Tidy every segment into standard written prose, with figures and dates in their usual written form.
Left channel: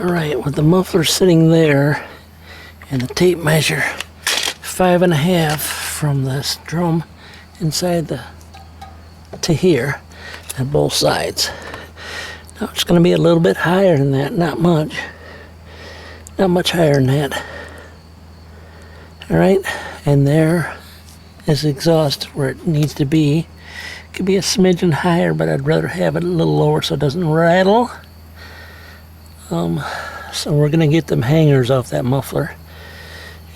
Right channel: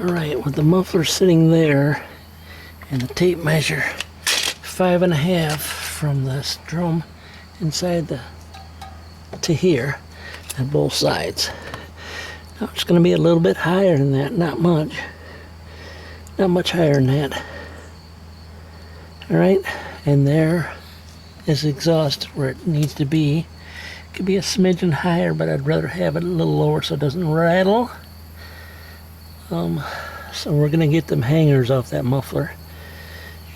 Alright, with the muffler sitting there and the tape measure 5.5 from this drum inside to here on both sides. Now it's going to be a little bit higher than that, not much higher than that. Alright, and there is exhaust where it needs to be. It could be a smidgen higher, but I'd rather have it a little lower so it doesn't rattle. So we're going to get them hangers off that muffler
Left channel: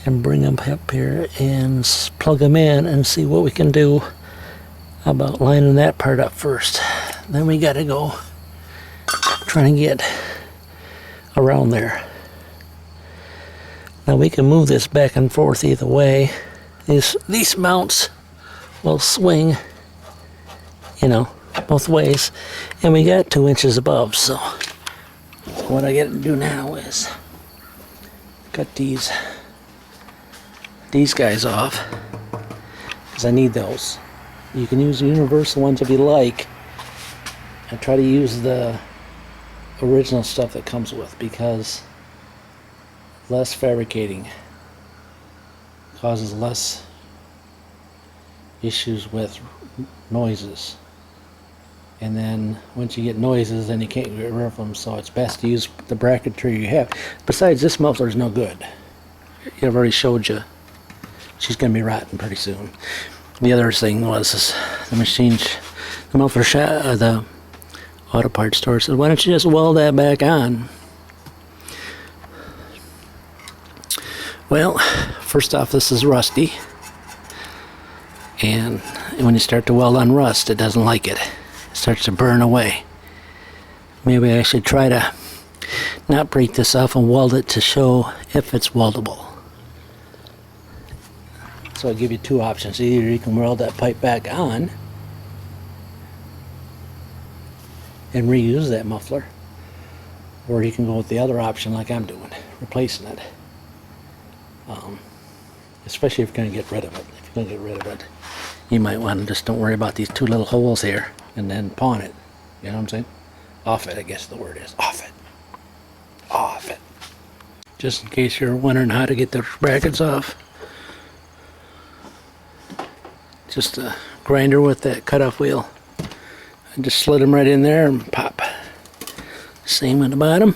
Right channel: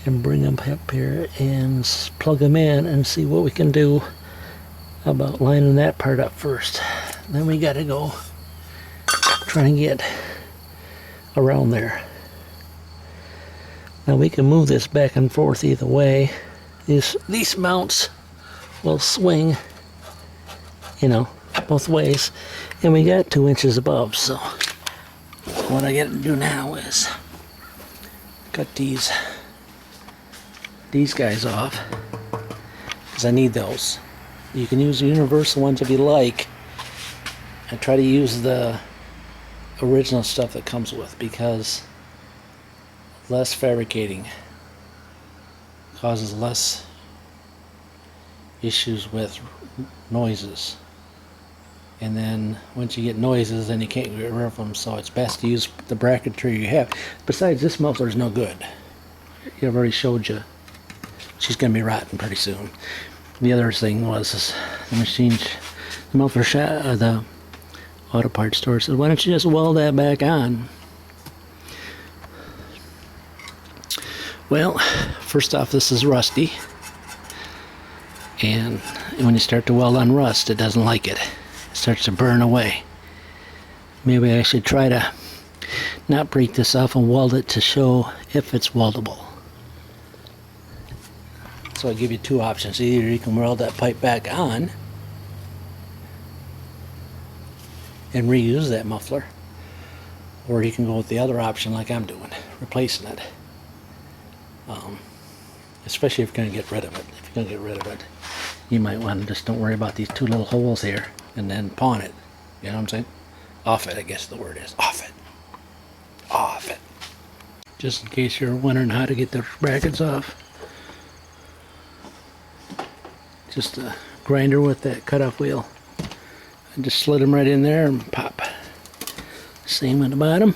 and bring them up here and plug them in and see what we can do about lining that part up first. Then we got to go try and get around there. Now we can move this back and forth either way. These mounts will swing, you know, both ways, and we got 2 inches above. So what I got to do now is cut these guys off because I need those. You can use the universal ones if you like. I try to use the original stuff that comes with because less fabricating causes less issues with noises, and then once you get noises then you can't get rid of them, so it's best to use the bracketry you have. Besides, this muffler is no good. I've already showed you she's gonna be rotten pretty soon. The other thing was the muffler shop, the auto parts store said, why don't you just weld that back on? Well, first off, this is rusty, and when you start to weld on rust, it doesn't like it. It starts to burn away. Maybe I should try to not break this off and weld it to show if it's weldable. So I give you 2 options. Either you can weld that pipe back on and reuse that muffler, or you can go with the other option like I'm doing, replacing it. Especially if you're going to get rid of it. If you're going to get rid of it, you might want to just don't worry about these 2 little holes here and then pawn it. You know what I'm saying? Off it, I guess the word is. Off it. Off it. Just in case you're wondering how to get the brackets off. Just a grinder with that cutoff wheel. I just slid them right in there and pop. Same on the bottom.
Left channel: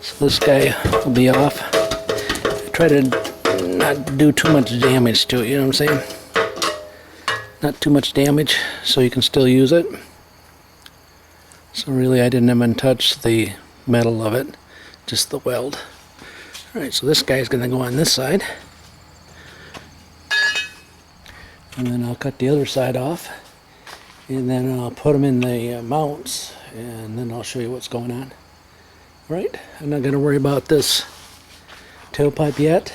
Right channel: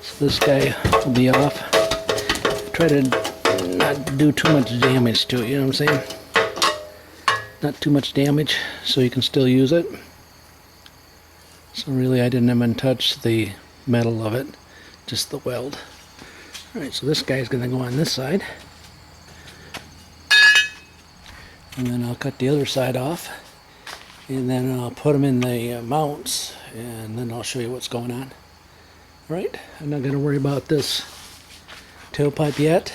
So this guy will be off. Try to not do too much damage to it, you know what I'm saying? Not too much damage so you can still use it. So really I didn't even touch the metal of it, just the weld. Alright, so this guy's going to go on this side. And then I'll cut the other side off. And then I'll put them in the mounts, and then I'll show you what's going on. Alright, I'm not going to worry about this tailpipe yet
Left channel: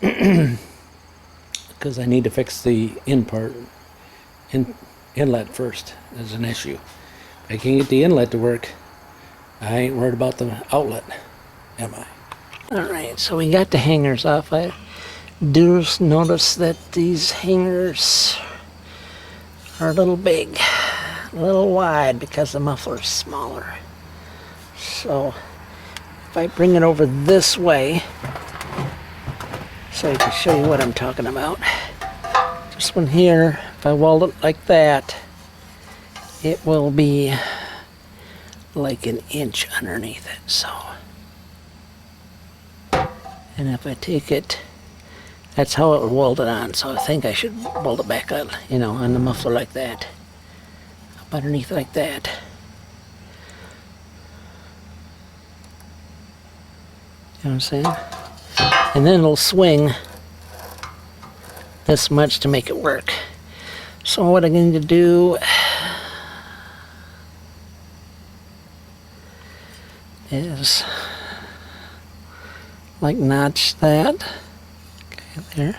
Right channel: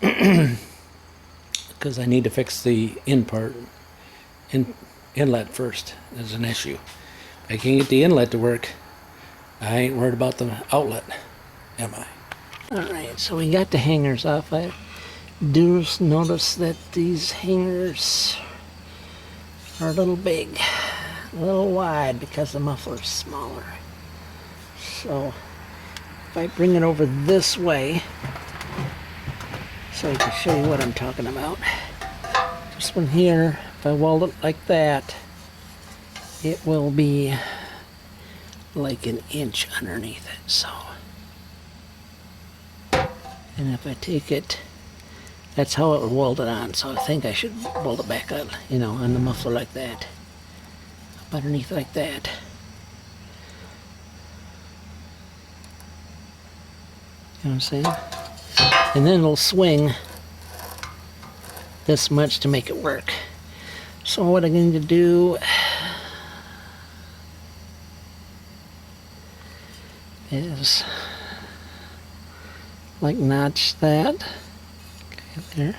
because I need to fix the inlet first. Is an issue. If I can't get the inlet to work, I ain't worried about the outlet, am I? Alright, so we got the hangers off. I do notice that these hangers are a little big, a little wide because the muffler's smaller. So if I bring it over this way, so I can show you what I'm talking about. This one here, if I weld it like that, it will be like 1 inch underneath it. So, and if I take it, that's how it would weld it on. So I think I should weld it back on, you know, on the muffler like that, up underneath like that. You know what I'm saying? And then it'll swing this much to make it work. So what I'm going to do is like notch that, okay,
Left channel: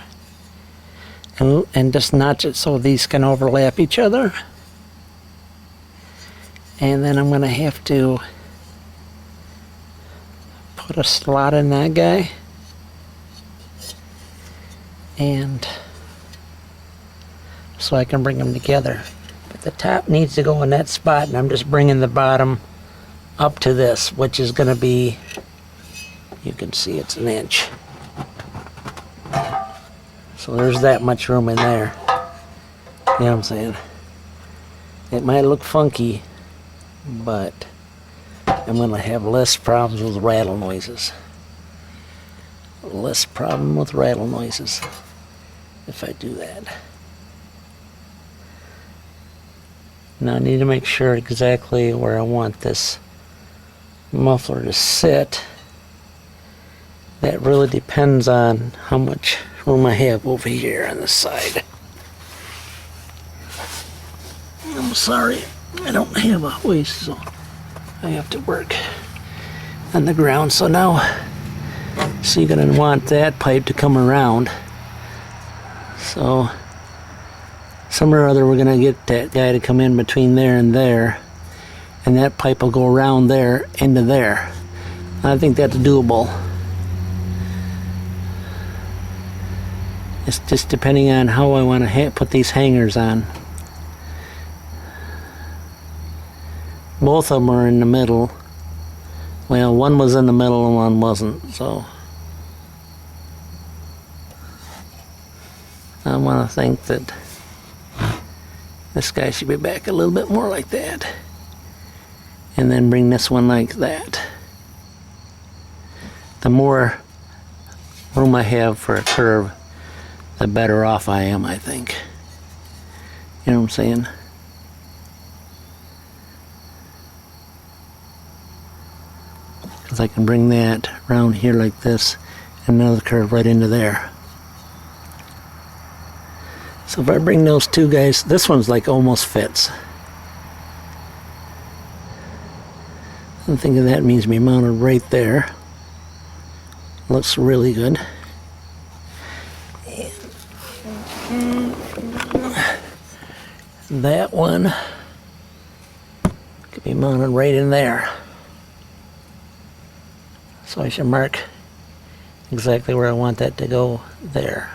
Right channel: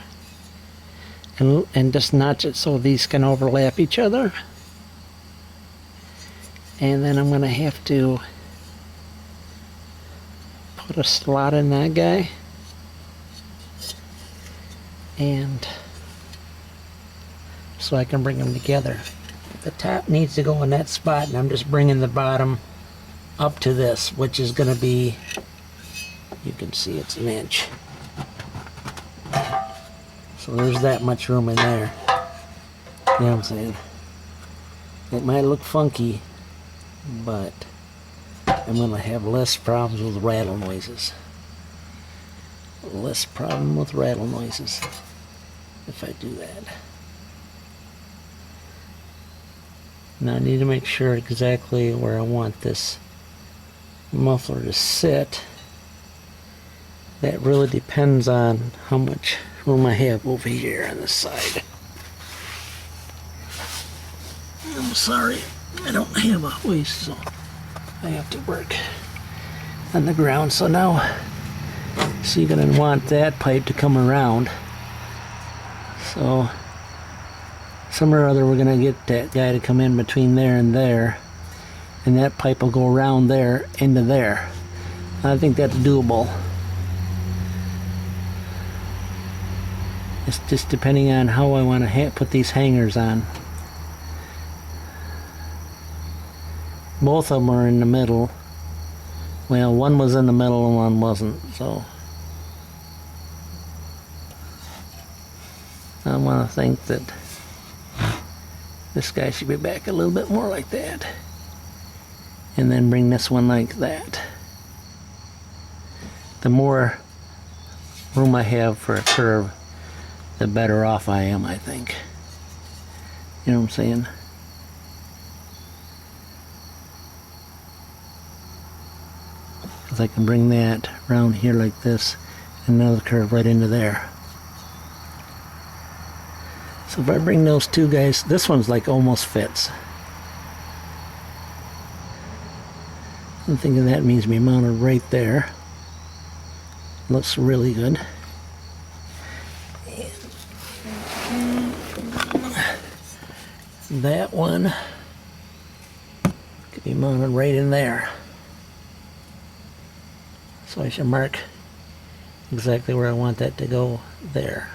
there, and just notch it so these can overlap each other. And then I'm going to have to put a slot in that guy, and so I can bring them together. But the top needs to go in that spot, and I'm just bringing the bottom up to this, which is going to be, you can see it's an inch. So there's that much room in there. You know what I'm saying? It might look funky, but I'm going to have less problems with rattle noises. Less problem with rattle noises if I do that. Now I need to make sure exactly where I want this muffler to sit. That really depends on how much room I have over here on the side. I'm sorry, I don't have a hoist, so I have to work on the ground. So now, so you're going to want that pipe to come around. So somewhere or other we're going to get that guy to come in between there, and that pipe will go around there into there. I think that's doable. It's just depending on how I want to put these hangers on. Both of them are in the middle. Well, one was in the middle and one wasn't, so I want to think that this guy should be back a little bit more like that, and then bring this one like that. The more room I have for a curve, the better off I am, I think. You know what I'm saying? Because I can bring that around here like this, and another curve right into there. So if I bring those two guys, this one's like almost fits. I'm thinking that means me mounted right there. Looks really good. That one could be mounted right in there. So I should mark exactly where I want that to go there.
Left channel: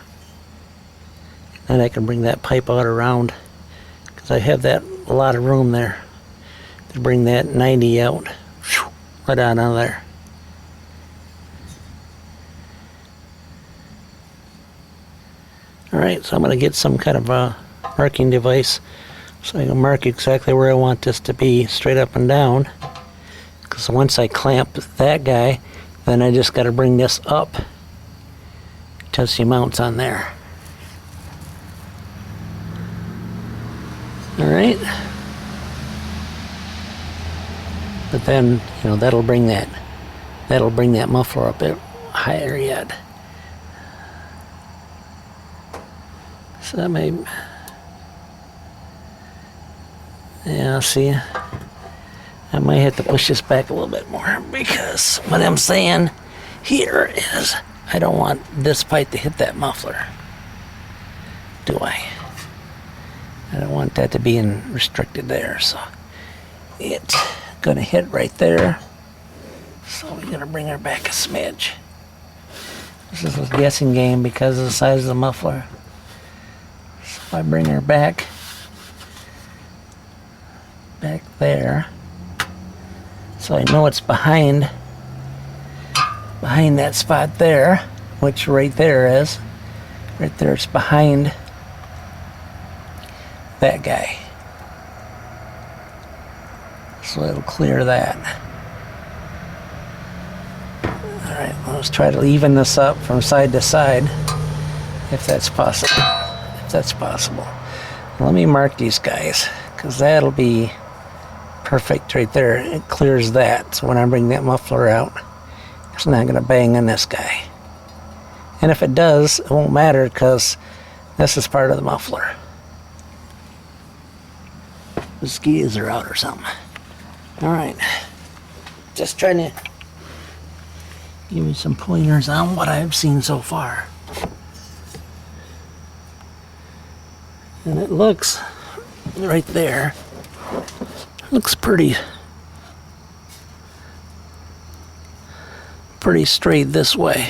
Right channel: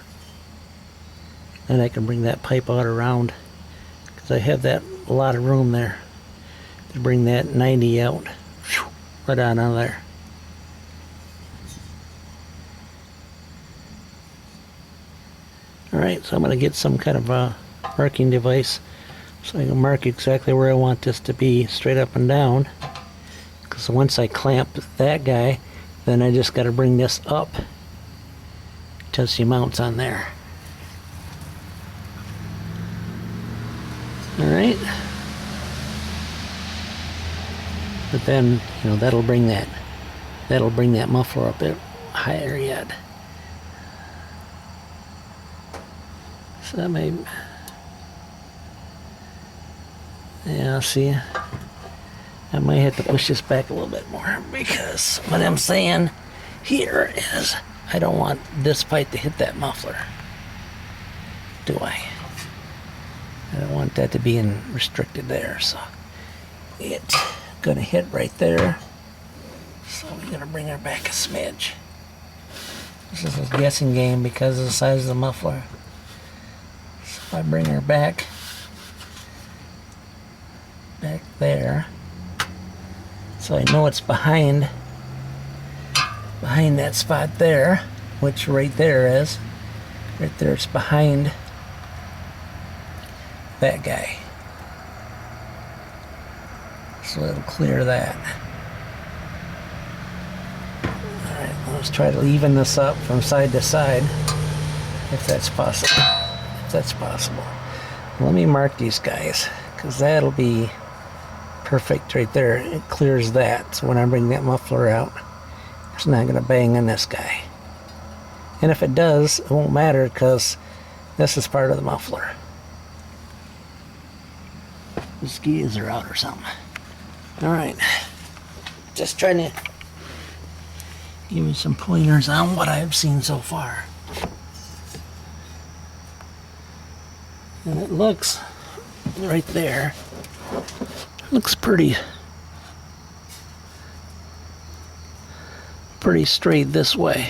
And I can bring that pipe out around, because I have that a lot of room there to bring that 90 out, right on out of there. Alright, so I'm going to get some kind of a marking device so I can mark exactly where I want this to be, straight up and down. Because once I clamp that guy, then I just got to bring this up till she mounts on there. Alright. But then, you know, that'll bring that muffler up a bit higher yet. So that may, yeah, see, I might have to push this back a little bit more, because what I'm saying here is I don't want this pipe to hit that muffler, do I? I don't want that to be restricted there, so it's gonna hit right there. So we're gonna bring her back a smidge. This is a guessing game because of the size of the muffler. So I bring her back there, so I know it's behind that spot there, which right there is. Right there, it's behind that guy. So it'll clear that. Alright, let's try to even this up from side to side, if that's possible. Let me mark these guys, because that'll be perfect right there. It clears that, so when I bring that muffler out, it's not going to bang on this guy. And if it does, it won't matter, because this is part of the muffler. The skis are out or something. Alright, just trying to give you some pointers on what I've seen so far. And it looks right there, looks pretty straight this way.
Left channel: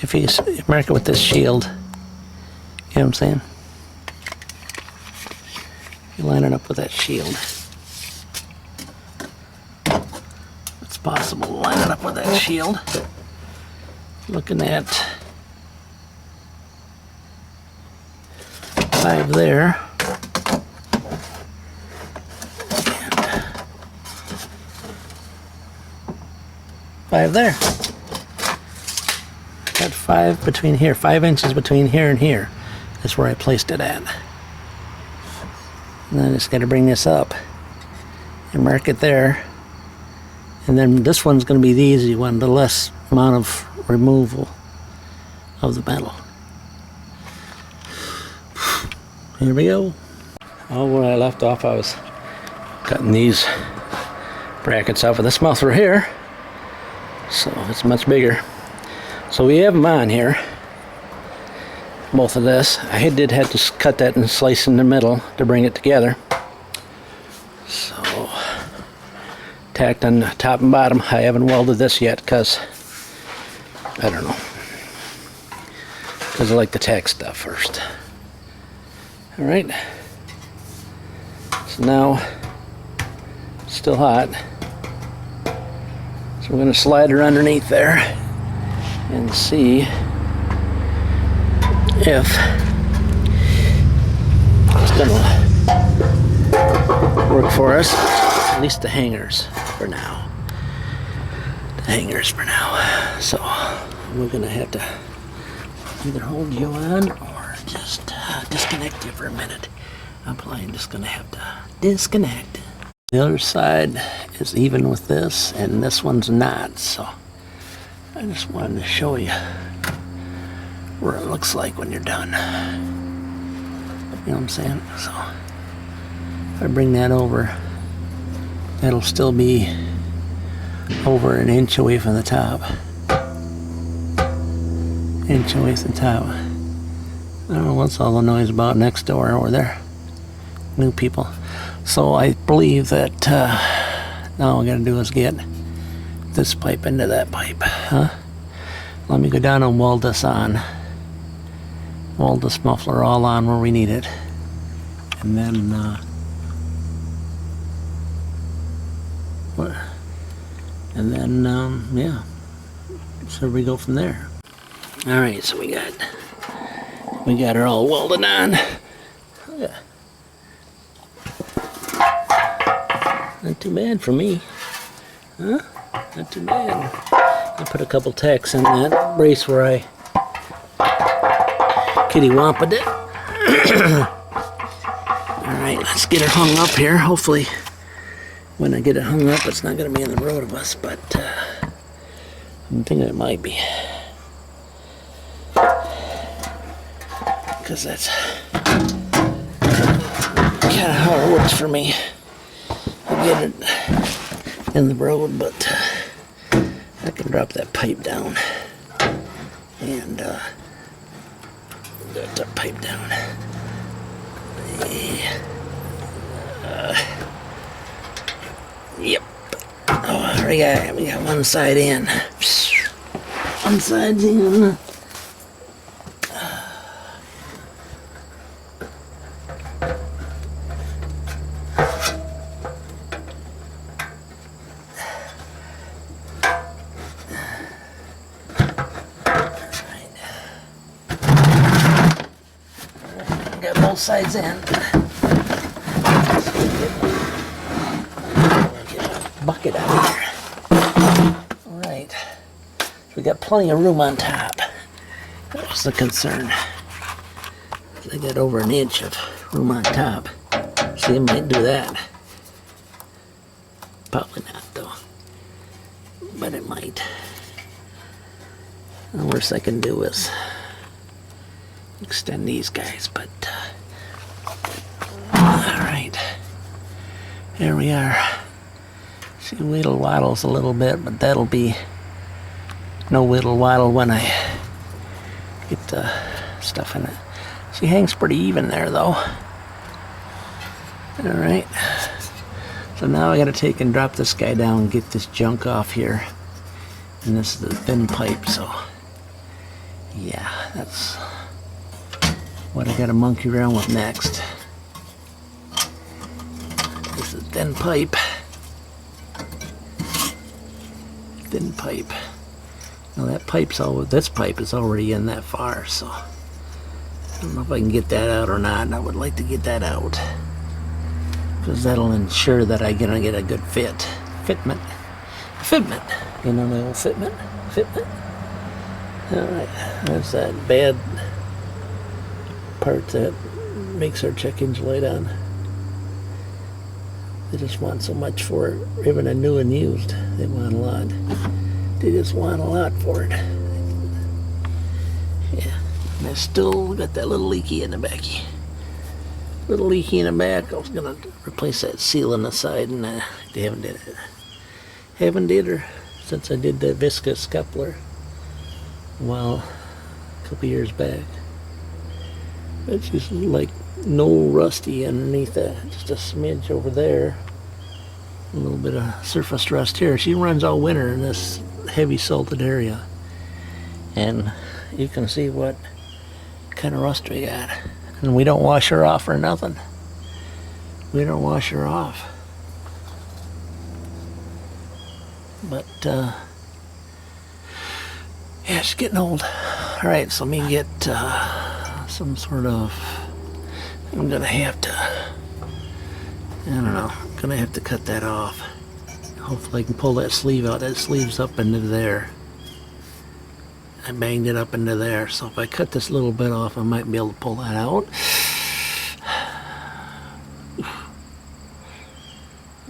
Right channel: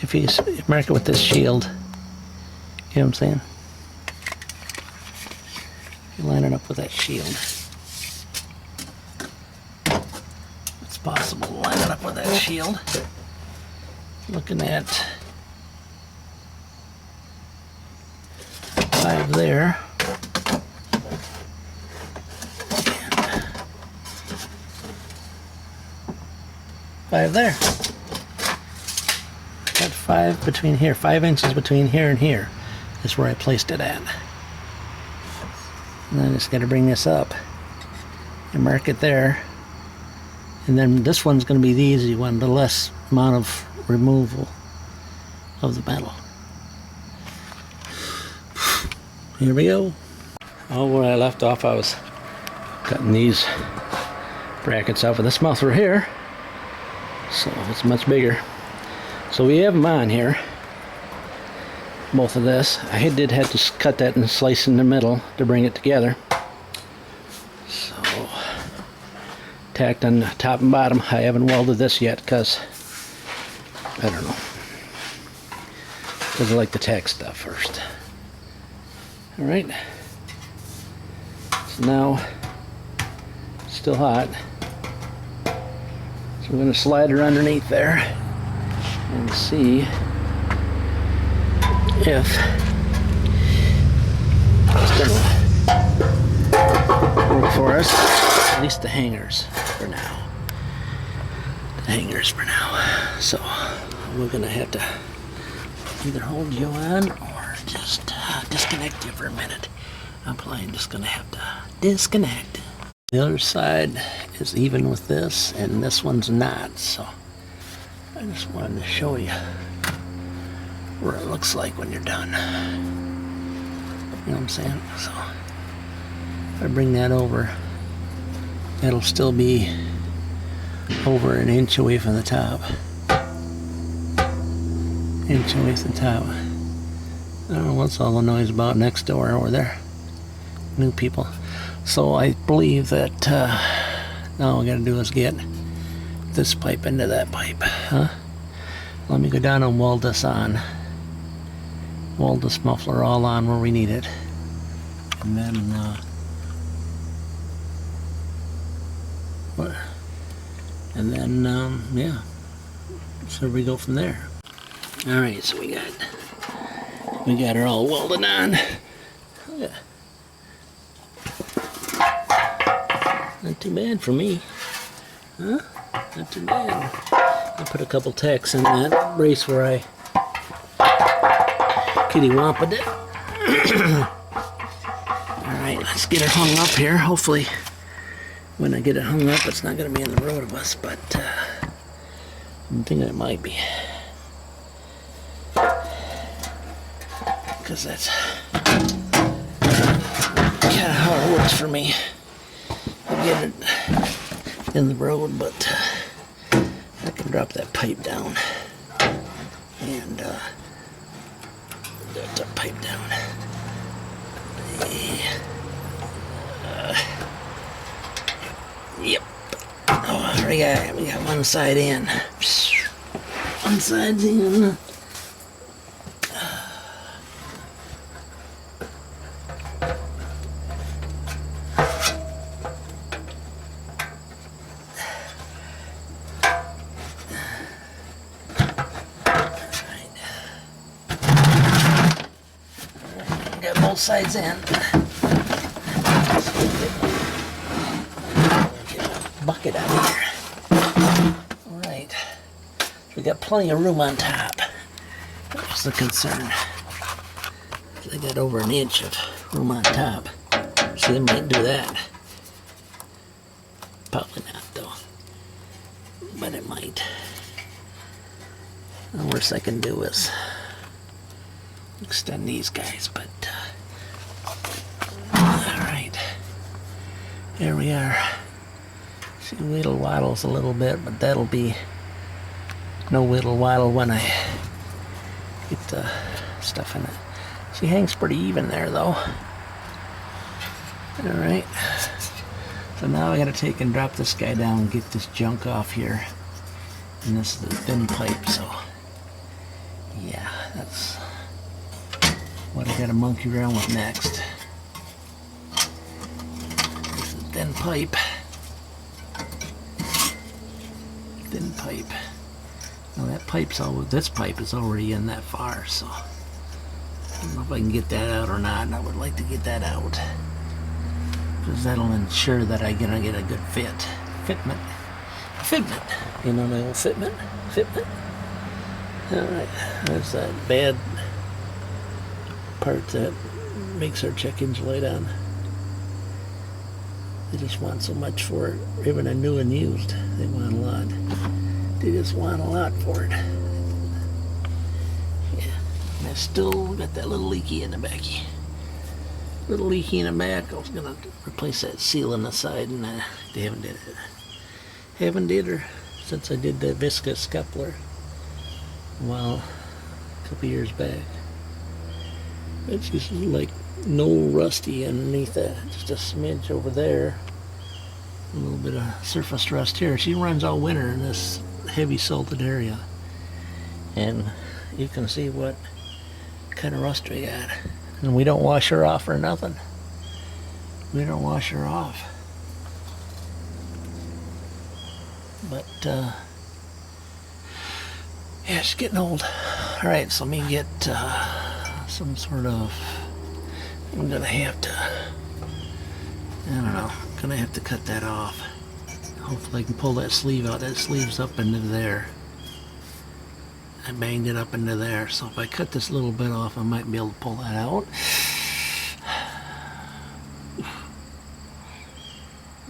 If you mark it with this shield, you know what I'm saying? You line it up with that shield. possible to line it up with that shield. Looking at 5 there. And 5 there. Got 5 between here, 5 inches between here and here. That's where I placed it at. And then I just got to bring this up and mark it there. And then this one's going to be the easy one, the less amount of removal of the metal. Here we go. Oh, where I left off, I was cutting these brackets off of this muffler here. So it's much bigger. So we have them on here. Both of this. I did have to cut that and slice in the middle to bring it together. So tacked on the top and bottom. I haven't welded this yet because I don't know. Because I like to tack stuff first. Alright. So now it's still hot. So we're going to slide her underneath there and see if it's gonna work for us. At least the hangers for now. The hangers for now. So we're gonna have to either hold you on or just disconnect you for a minute. I'm probably just gonna have to disconnect. The other side is even with this, and this one's not. So I just wanted to show you where it looks like when you're done. You know what I'm saying? So if I bring that over, it'll still be over an inch away from the top. Inch away from the top. I don't know what's all the noise about next door over there. New people. So I believe that now all we gotta do is get this pipe into that pipe. Huh? Let me go down and weld this on. Weld this muffler all on where we need it, and then yeah, so we go from there. All right, so we got her all welded on. Yeah. Not too bad for me, huh? Not too bad. I put a couple tacks in that brace where I kitty wamped it. Alright, let's get it hung up here. Hopefully when I get it hung up it's not going to be in the road of us, but I'm thinking it might be. Because that's kind of how it works for me. I get it in the road, but I can drop that pipe down and drop that pipe down. Yep. Oh, we got one side in. One side's in. Got both sides in. Get a bucket out of here. Alright. So we got plenty of room on top. That's the concern. I got over an inch of room on top. See, I might do that. Probably not though. But it might. The worst I can do is extend these guys, but alright, here we are. See, whittle waddles a little bit, but that'll be no whittle waddle when I get the stuff in it. She hangs pretty even there though. Alright, so now I gotta take and drop this guy down and get this junk off here, and this is the thin pipe, so yeah, that's what I gotta monkey around with next. This is thin pipe. thin pipe. Now that pipe's this pipe is already in that far, so I don't know if I can get that out or not. And I would like to get that out because that'll ensure that I'm gonna get a good fitment. You know the old fitment. All right, that's that bad part that makes our chickens lay down. They just want so much for it, even a new and used. They want a lot. They just want a lot for it. Yeah, and I still got that little leaky in the back. Little leaky in the back. I was gonna replace that seal on the side, and they haven't did it. Haven't did her since I did the viscous coupler. Well, a couple years back. It's just like no rusty underneath that. Just a smidge over there. A little bit of surface rust here. She runs all winter in this heavy salted area. And you can see what kind of rust we got. And we don't wash her off or nothing. We don't wash her off. But, yeah, she's getting old. Alright, so let me get some sort of... I'm gonna have to... I don't know. I'm gonna have to cut that off. Hopefully I can pull that sleeve out. That sleeve's up into there. I banged it up into there. So if I cut this little bit off, I might be able to pull that out.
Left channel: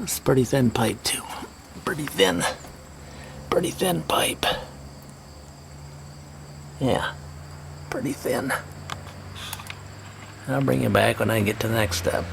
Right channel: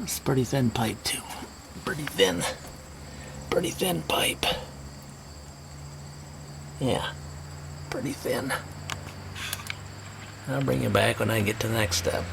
It's pretty thin pipe too. Pretty thin pipe. Yeah, pretty thin. I'll bring you back when I get to the next step.